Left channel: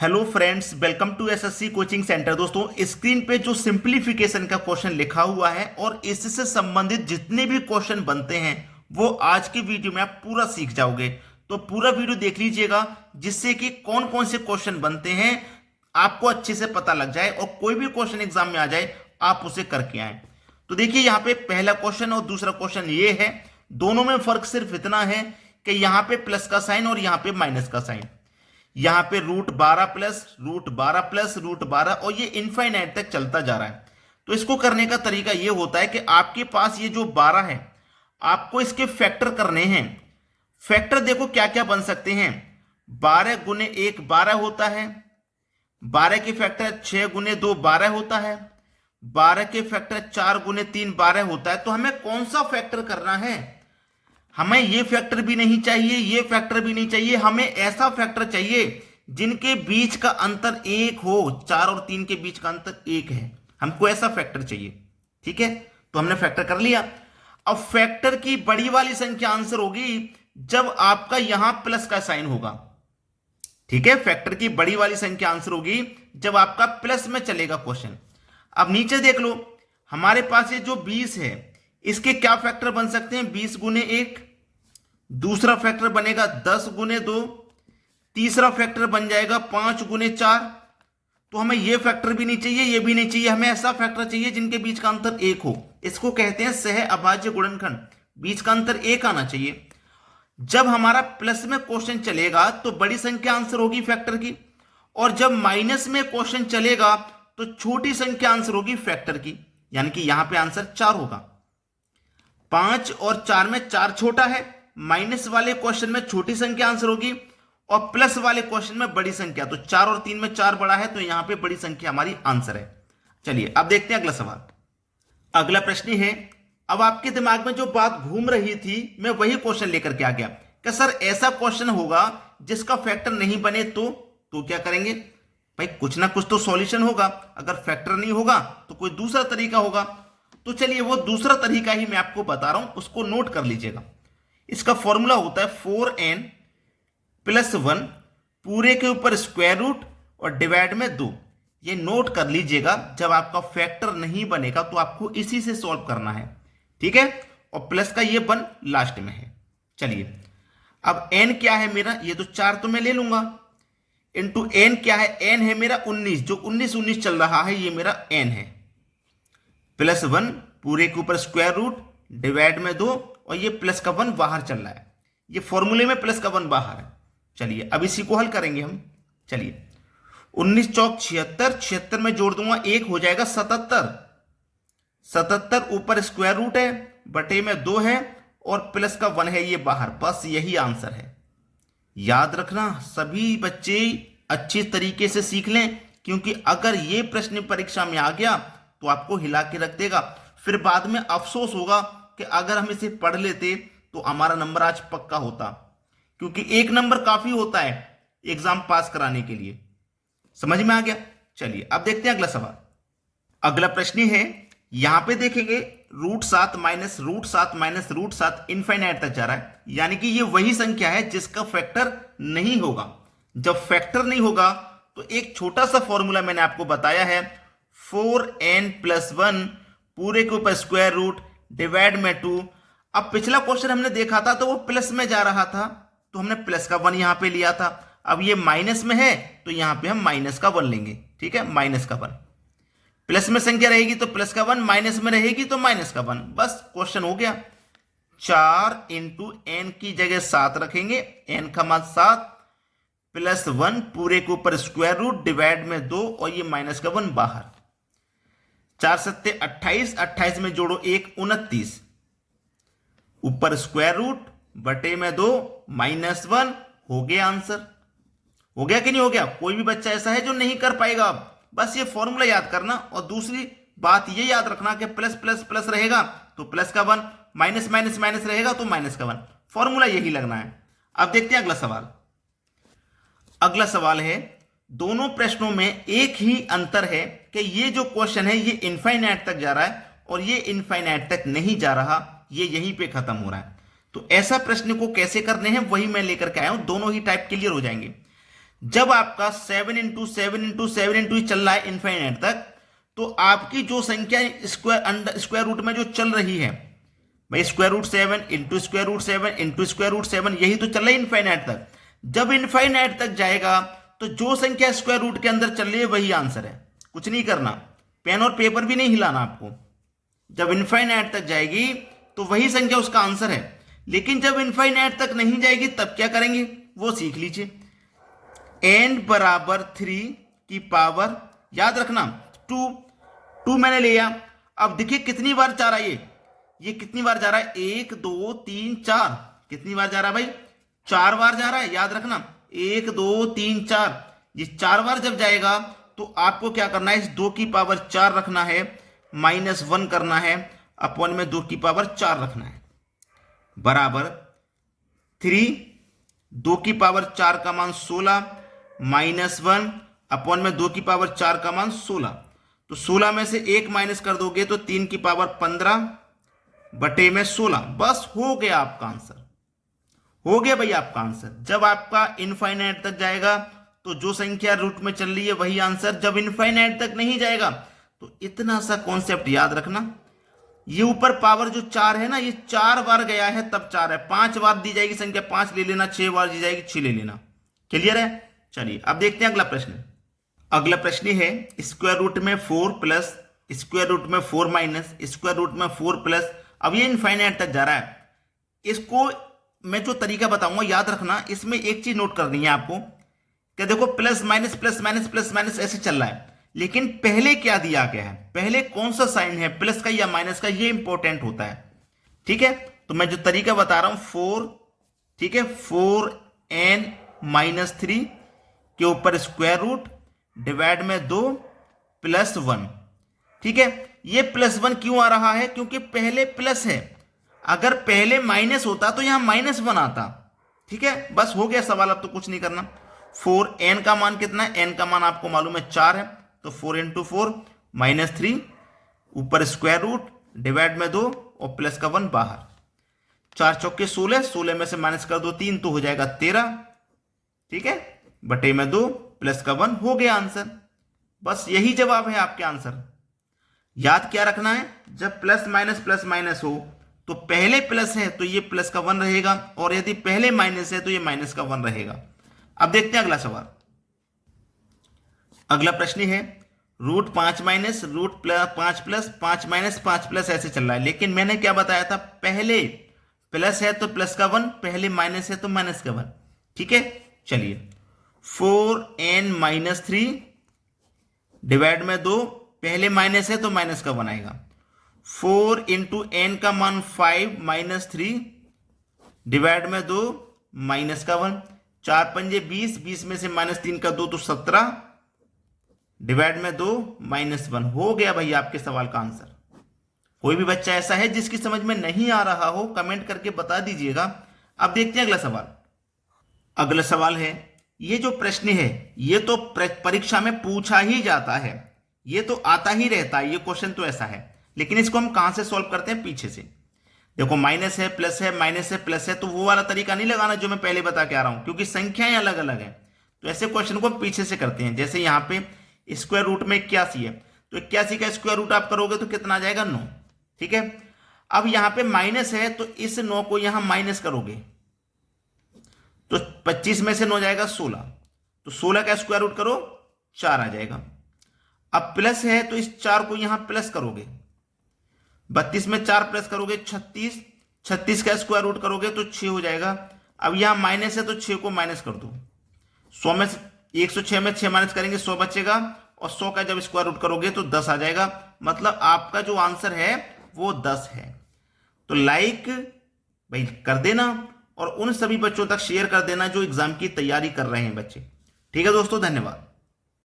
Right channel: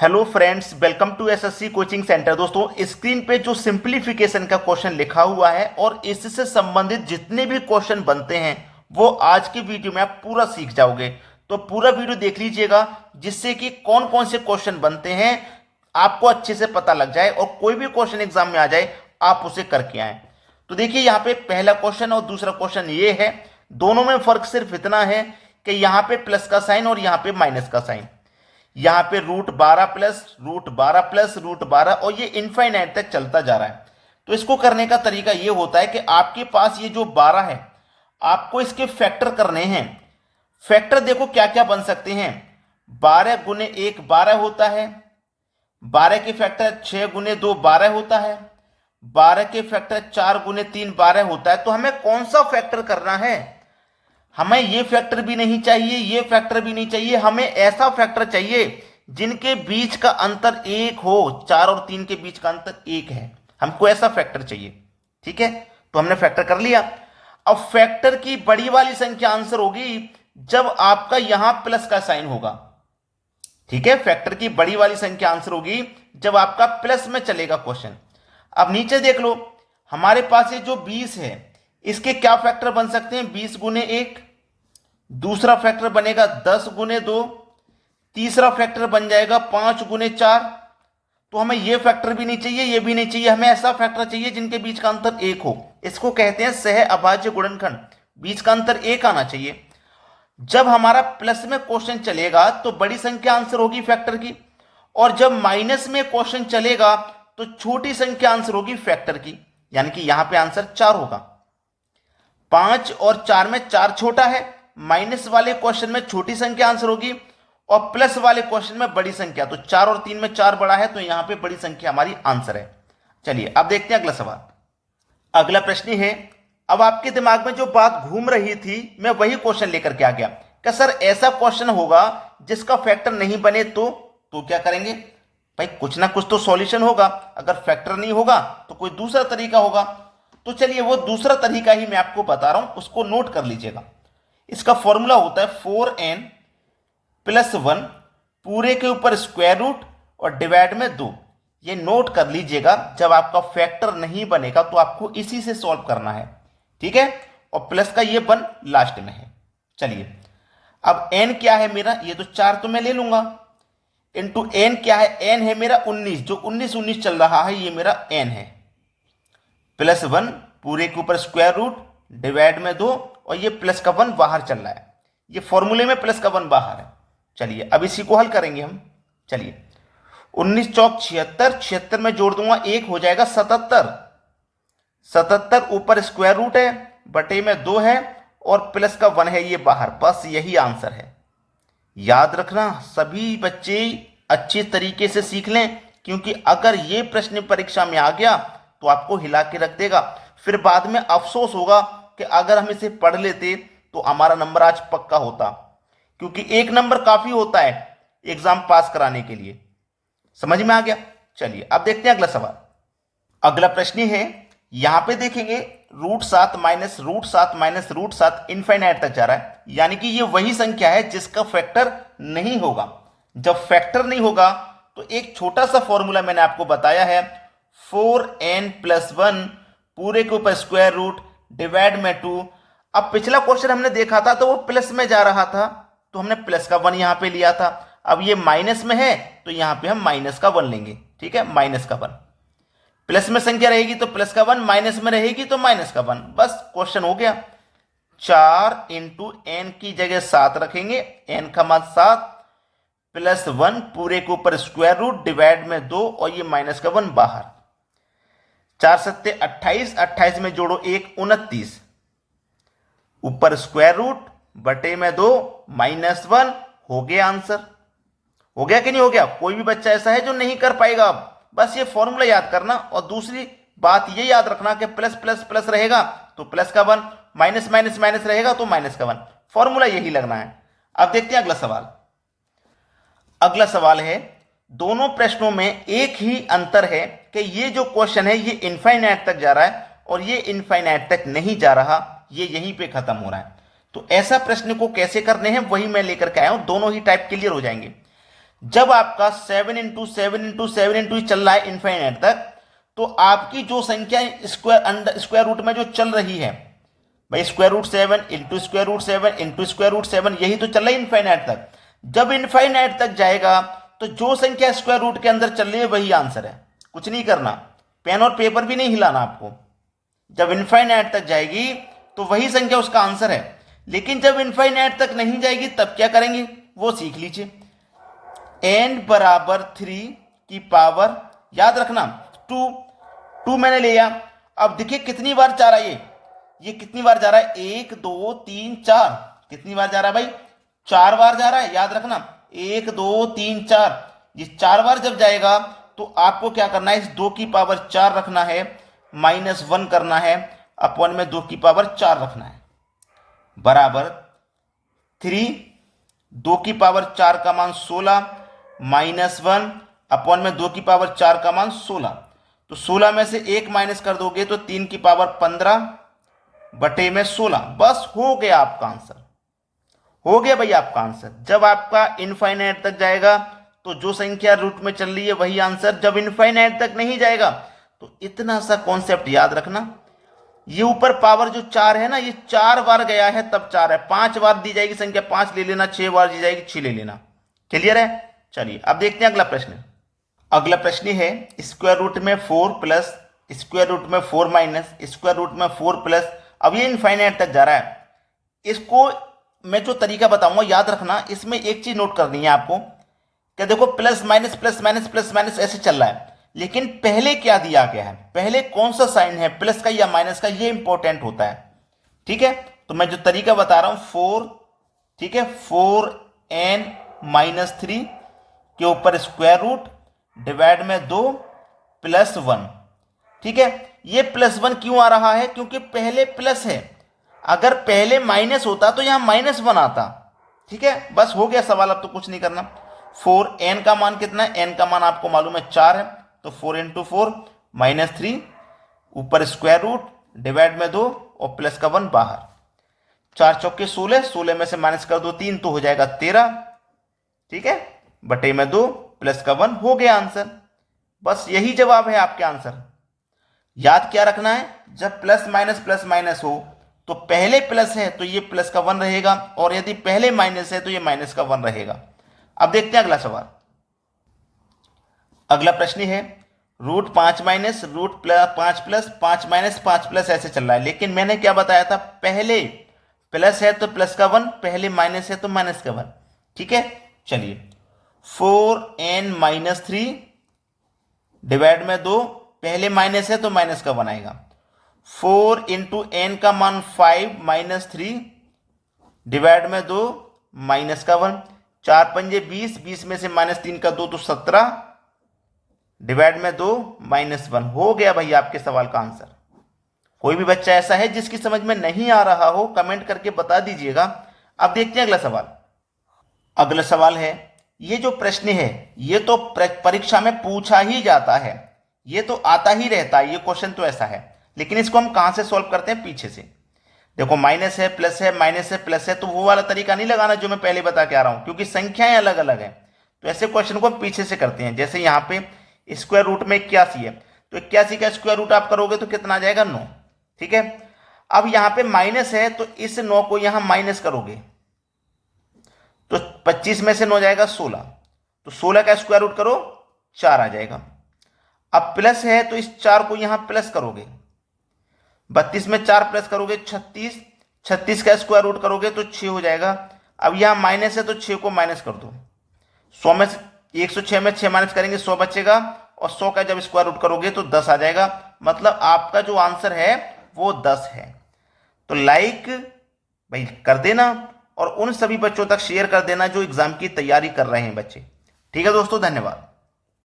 Hello friends, welcome to SSC coaching centre. दोस्तों, screen पे जो सिंपलीफिकेशन का क्वेश्चन लिखा हुआ है और इससे संबंधित जितने भी क्वेश्चन बनते हैं वो आज की वीडियो में आप पूरा सीख जाओगे। तो पूरा वीडियो देख लीजिएगा जिससे कि कौन कौन से क्वेश्चन बनते हैं आपको अच्छे से पता लग जाए और कोई भी क्वेश्चन एग्जाम में आ जाए आप उसे करके आए। तो देखिए, यहाँ पे पहला क्वेश्चन और दूसरा क्वेश्चन ये है, दोनों में फर्क सिर्फ इतना है कि यहाँ पे प्लस का साइन और यहाँ पे माइनस का साइन। यहां पे √12 प्लस √12 प्लस √12 और ये इनफाइनाइट तक चलता जा रहा है। तो इसको करने का तरीका ये होता है कि आपके पास ये जो 12 है आपको इसके फैक्टर करने हैं। फैक्टर देखो क्या क्या बन सकते हैं। 12 गुने 1 12 होता है, 12 के फैक्टर 6 गुने 2 12 होता है, 12 के फैक्टर 4 गुने 3 12 होता है। तो हमें कौन सा फैक्टर करना है? हमें ये फैक्टर भी नहीं चाहिए, ये फैक्टर भी नहीं चाहिए, हमें ऐसा फैक्टर चाहिए जिनके बीच का अंतर 1 हो। 4 और 3 के बीच का अंतर 1 है, हमको ऐसा फैक्टर चाहिए। ठीक है, तो हमने फैक्टर कर लिया। अब फैक्टर की बड़ी वाली संख्या आंसर होगी जब आपका यहां प्लस का साइन होगा। ठीक है, फैक्टर की बड़ी वाली संख्या आंसर होगी जब आपका प्लस में चलेगा क्वेश्चन। अब नीचे देख लो, हमारे पास ये जो 20 है इसके क्या फैक्टर बन सकते हैं? 20 गुने 1, दूसरा फैक्टर बनेगा 10 गुने 2, तीसरा फैक्टर बन जाएगा 5 गुने 4। तो हमें ये फैक्टर भी नहीं चाहिए, ये भी नहीं चाहिए, हमें ऐसा फैक्टर चाहिए जिनके बीच का अंतर 1 हो। इसको कहते हैं सह अभाज्य गुणनखंड। बीच का अंतर 1 आना चाहिए। जब हमारा प्लस में क्वेश्चन चलेगा तो बड़ी संख्या आंसर होगी फैक्टर की, और जब माइनस में क्वेश्चन चलेगा तो छोटी संख्या आंसर होगी फैक्टर की, यानी कि यहां पे आंसर 4 होगा। 5 और 4 में 4 छोटा है, माइनस वाले क्वेश्चन में छोटी संख्या आंसर होगी और प्लस वाले क्वेश्चन में बड़ी संख्या। तो 4 और 3 में 4 बड़ा है, तो यहां पे बड़ी संख्या हमारी आंसर है। चलिए अब देखते हैं अगला सवाल। अगला प्रश्न है, अब आपके दिमाग में जो बात घूम रही थी मैं वही क्वेश्चन लेकर के आ गया कि सर ऐसा क्वेश्चन होगा जिसका फैक्टर नहीं बने तो क्या करेंगे? भाई कुछ ना कुछ तो सॉल्यूशन होगा। अगर फैक्टर नहीं होगा तो कोई दूसरा तरीका होगा। तो चलिए वो दूसरा तरीका ही मैं आपको बता रहा हूं, उसको नोट कर लीजिएगा। इसका फॉर्मूला होता है 4n + 1 पूरे के ऊपर स्क्वायर रूट और डिवाइड में 2। ये नोट कर लीजिएगा, जब आपका फैक्टर नहीं बनेगा तो आपको इसी से सॉल्व करना है। ठीक है, और प्लस का ये 1 लास्ट में है। चलिए अब n क्या है मेरा? ये तो 4 तो मैं ले लूंगा, इंटू n क्या है? n है मेरा 19, जो 19 19 चल रहा है ये मेरा n है, +1 पूरे के ऊपर स्क्वायर रूट डिवाइड में 2 और ये प्लस का 1 बाहर चल रहा है। ये फॉर्मूले में प्लस का 1 बाहर है। चलिए अब इसी को हल करेंगे हम। चलिए 19 चौक 76, 76 में जोड़ दूंगा 1 हो जाएगा 77, 77 ऊपर स्क्वायर रूट है बटे में 2 है और प्लस का 1 है ये बाहर। बस यही आंसर है। याद रखना, सभी बच्चे अच्छे तरीके से सीख लें, क्योंकि अगर ये प्रश्न परीक्षा में आ गया तो आपको हिला के रख देगा। फिर बाद में अफसोस होगा कि अगर हम इसे पढ़ लेते तो हमारा नंबर आज पक्का होता, क्योंकि 1 नंबर काफी होता है एग्जाम पास कराने के लिए। समझ में आ गया? चलिए अब देखते हैं अगला सवाल। अगला प्रश्न है, यहां पे देखेंगे √7 माइनस √7 माइनस √7 इनफाइनाइट तक जा रहा है, यानी कि ये वही संख्या है जिसका फैक्टर नहीं होगा। जब फैक्टर नहीं होगा तो एक छोटा सा फॉर्मूला मैंने आपको बताया है, 4n + 1 पूरे के ऊपर स्क्वायर रूट डिवाइड में 2। अब पिछला क्वेश्चन हमने देखा था तो वो प्लस में जा रहा था, तो हमने प्लस का 1 यहां पे लिया था। अब ये माइनस में है तो यहां पे हम माइनस का 1 लेंगे। ठीक है, माइनस का 1। प्लस में संख्या रहेगी तो प्लस का 1, माइनस में रहेगी तो माइनस का 1। बस क्वेश्चन हो गया। 4 × n की जगह 7 रखेंगे, n का मान 7 +1 पूरे के ऊपर स्क्वायर रूट डिवाइड में 2 और ये माइनस का 1 बाहर। 4 7 28, 28 में जोड़ो 1 29, ऊपर स्क्वायर रूट बटे में 2 -1। हो गया आंसर। हो गया कि नहीं हो गया? कोई भी बच्चा ऐसा है जो नहीं कर पाएगा? अब बस ये फॉर्मूला याद करना, और दूसरी बात ये याद रखना कि प्लस प्लस प्लस रहेगा तो प्लस का 1, माइनस माइनस माइनस रहेगा तो माइनस का 1। फॉर्मूला यही लगना है। अब देखते हैं अगला सवाल। अगला सवाल है, दोनों प्रश्नों में एक ही अंतर है कि ये जो क्वेश्चन है ये इनफाइनाइट तक जा रहा है और ये इनफाइनाइट तक नहीं जा रहा, ये यहीं पे खत्म हो रहा है। तो ऐसा प्रश्न को कैसे करने हैं वही मैं लेकर के आया हूं, दोनों ही टाइप क्लियर हो जाएंगे। जब आपका 7 इंटू 7 इंटू 7 इंटू चल रहा है इनफाइनाइट तक, तो आपकी जो संख्या स्क्वायर रूट में जो चल रही है भाई, square root 7 into square root 7 into square root 7, यही तो चल रहा है इनफाइनाइट तक। जब इनफाइनाइट तक जाएगा तो जो संख्या स्क्वायर रूट के अंदर चल रही है वही आंसर है, कुछ नहीं करना, पेन और पेपर भी नहीं हिलाना आपको। जब इनफाइनाइट तक जाएगी तो वही संख्या उसका आंसर है। लेकिन जब इनफाइनाइट तक नहीं जाएगी तब क्या करेंगे वो सीख लीजिए। n बराबर 3 की पावर, याद रखना 2 मैंने लिया। अब देखिए कितनी बार जा रहा है ये कितनी बार जा रहा है, 1 2 3 4, कितनी बार जा रहा है भाई, 4 बार जा रहा है। याद रखना 1 2 3 4, ये 4 बार जब जाएगा तो आपको क्या करना है, इस 2 की पावर 4 रखना है, -1 करना है, अपॉन में 2 की पावर 4 रखना है, बराबर 3, 2 की पावर 4 का मान 16, -1 अपॉन में 2 की पावर 4 का मान 16। तो 16 में से 1 माइनस कर दोगे तो 3 की पावर 15 बटे में 16, बस हो गया आपका आंसर, हो गया भाई आपका आंसर। जब आपका इनफाइनाइट तक जाएगा तो जो संख्या रूट में चल रही है वही आंसर, जब इनफाइनाइट तक नहीं जाएगा तो इतना सा कॉन्सेप्ट याद रखना, ये ऊपर पावर जो 4 है ना, ये 4 बार गया है तब 4 है, 5 बार दी जाएगी संख्या 5 ले लेना, 6 बार दी जाएगी 6 ले लेना। क्लियर है? चलिए अब देखते हैं अगला प्रश्न। अगला प्रश्न है स्क्वायर रूट में 4 प्लस स्क्वायर रूट में 4 माइनस स्क्वायर रूट में 4 प्लस, अब ये इनफाइनाइट तक जा रहा है। इसको मैं जो तरीका बताऊंगा याद रखना, इसमें एक चीज नोट करनी है आपको, क्या देखो plus minus plus minus plus minus ऐसे चल रहा है, लेकिन पहले क्या दिया गया है, पहले कौन सा साइन है, प्लस का या माइनस का, ये इंपॉर्टेंट होता है। ठीक है, तो मैं जो तरीका बता रहा हूं 4, ठीक है, 4n-3 के ऊपर स्क्वायर रूट डिवाइड में 2 +1। ठीक है, ये +1 क्यों आ रहा है, क्योंकि पहले प्लस है, अगर पहले माइनस होता तो यहां -1 आता। ठीक है, बस हो गया सवाल, अब तो कुछ नहीं करना। 4n का मान कितना है, n का मान आपको मालूम है 4 है, तो 4 × 4 -3 ऊपर स्क्वायर रूट डिवाइड में 2 और प्लस का 1 बाहर, 4 चौके 16, 16 में से माइनस कर दो 3 तो हो जाएगा 13। ठीक है, बटे में 2 प्लस का 1, हो गया आंसर। बस यही जवाब है आपके आंसर। याद क्या रखना है, जब प्लस माइनस हो तो पहले प्लस है तो ये प्लस का 1 रहेगा, और यदि पहले माइनस है तो ये माइनस का 1 रहेगा। अब देखते हैं अगला सवाल। अगला प्रश्न है √5 माइनस √5 प्लस 5 माइनस 5 प्लस ऐसे चल रहा है, लेकिन मैंने क्या बताया था, पहले प्लस है तो प्लस का 1, पहले माइनस है तो माइनस का 1। ठीक है, चलिए 4n-3 डिवाइड में 2, पहले माइनस है तो माइनस का 1 आएगा, 4 × n का मान 5 - 3 डिवाइड में 2 माइनस का 1, 4 पंजे 20, 20 में से -3 का 2 तो 17 डिवाइड में 2 -1, हो गया भाई आपके सवाल का आंसर। कोई भी बच्चा ऐसा है जिसकी समझ में नहीं आ रहा हो, कमेंट करके बता दीजिएगा। अब देखते हैं अगला सवाल। अगला सवाल है, ये जो प्रश्न है ये तो परीक्षा में पूछा ही जाता है, ये तो आता ही रहता है, ये क्वेश्चन तो ऐसा है, लेकिन इसको हम कहां से सॉल्व करते हैं, पीछे से। देखो माइनस है प्लस है, माइनस है प्लस है, तो वो वाला तरीका नहीं लगाना जो मैं पहले बता के आ रहा हूं, क्योंकि संख्याएं अलग अलग हैं। तो ऐसे क्वेश्चन को हम पीछे से करते हैं। जैसे यहाँ पे स्क्वायर रूट में 81 है, तो 81 का स्क्वायर रूट आप करोगे तो कितना आ जाएगा, 9। ठीक है, अब यहाँ पे माइनस है तो इस 9 को यहां माइनस करोगे तो 25 में से 9 जाएगा 16, तो 16 का स्क्वायर रूट करो 4 आ जाएगा। अब प्लस है तो इस 4 को यहां प्लस करोगे, 32 में 4 प्लस करोगे 36, 36 का स्क्वायर रूट करोगे तो 6 हो जाएगा। अब यहां माइनस है तो 6 को माइनस कर दो, 100 में 106 में 6 माइनस करेंगे 100 बचेगा, और 100 का जब स्क्वायर रूट करोगे तो 10 आ जाएगा। मतलब आपका जो आंसर है वो 10 है। तो लाइक भाई कर देना, और उन सभी बच्चों तक शेयर कर देना जो एग्जाम की तैयारी कर रहे हैं बच्चे। ठीक है दोस्तों, धन्यवाद।